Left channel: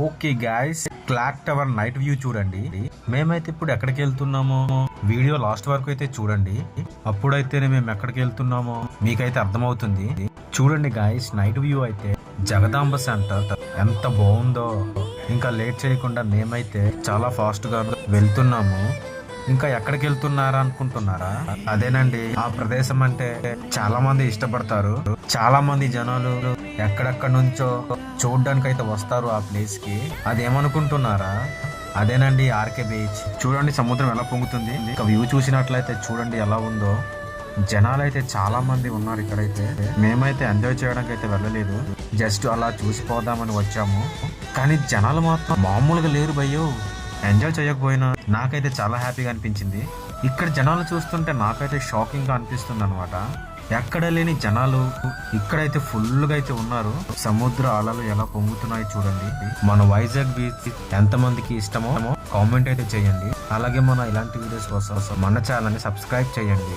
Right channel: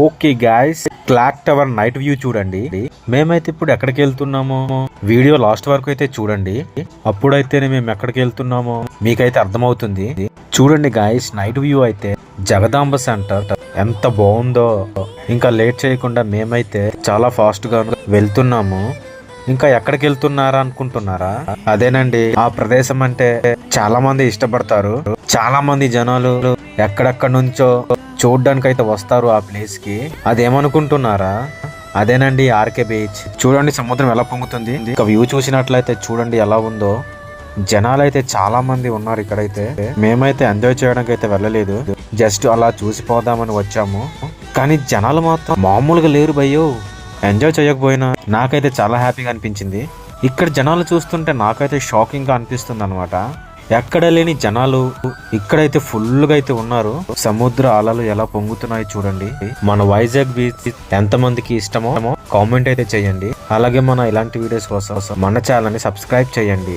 Okay guys, clock tower night view చూడండి. మేమైతే ఇప్పుడు ఎక్కడికి వెళ్తున్నామో వీడియో లాస్ట్ వరకు అయితే చూడండి. అప్పుడైతేనే మేము ఎక్కడికి వెళ్తున్నామో మీకైతే అర్థమవుతుంది. చూడండి గాయస్, నైట్ వ్యూ అయితే జగదాంబ సెంటర్ ఎంత బాగుందో. ఇంకా లేట్ చేయకుండా మేమైతే చాలా ఫాస్ట్ గా వెళ్తున్నాము. ఇంకా ఎక్కడికి వెళ్తున్నారా అనుకుంటున్నారా? అదేనండి, ఆ ప్రదేశం అంటే చాలా మంది ఇష్టపడతారు. చాలా మంది జనాలు ఎక్కడెక్కడ నుంచో చూడడానికి అయితే వస్తారు ఆ ప్లేస్ కి. అదేమనుకుంటున్నారా? అదేనండి ఆర్కే బీచ్. చూడండి సముద్రం ఎలా పొంగుతుంది. ఇంకా వ్యూ చూసినట్లయితే చూడండి ఎలా ఉందో. జనాలు అయితే చాలా మంది ఉన్నారు ఇక్కడైతే. మేమైతే ఎంజాయ్ చేయడానికి అయితే వెళ్ళలేదు, జస్ట్ అలా చూసిపోదామని వచ్చాము. కానీ జనాలు మాత్రం మామూలుగా లేరు భయ్యో. ఎంజాయ్ చేయకపోయినా నాకైతే చాలా హ్యాపీగా అనిపించింది. ఇక్కడ జనాలు చూస్తుంటే నాకైతే షాకింగ్ గా అనిపిస్తుంది అనమాట. ఎక్కడ లేని జనాలు ఇక్కడైతే ఫుల్ గా అయితే ఉన్నారు. సముద్ర అలలు ఎలా పొంగుతున్నాయి చూడండి. మన వైజాగ్ బీచ్ ఎంత మందికి ఇష్టమో కామెంట్ అయితే చేయండి. అలాగే మన ఇలాంటి వీడియోస్ కోసం మన ఛానల్ ని సబ్స్క్రైబ్ చేయండి.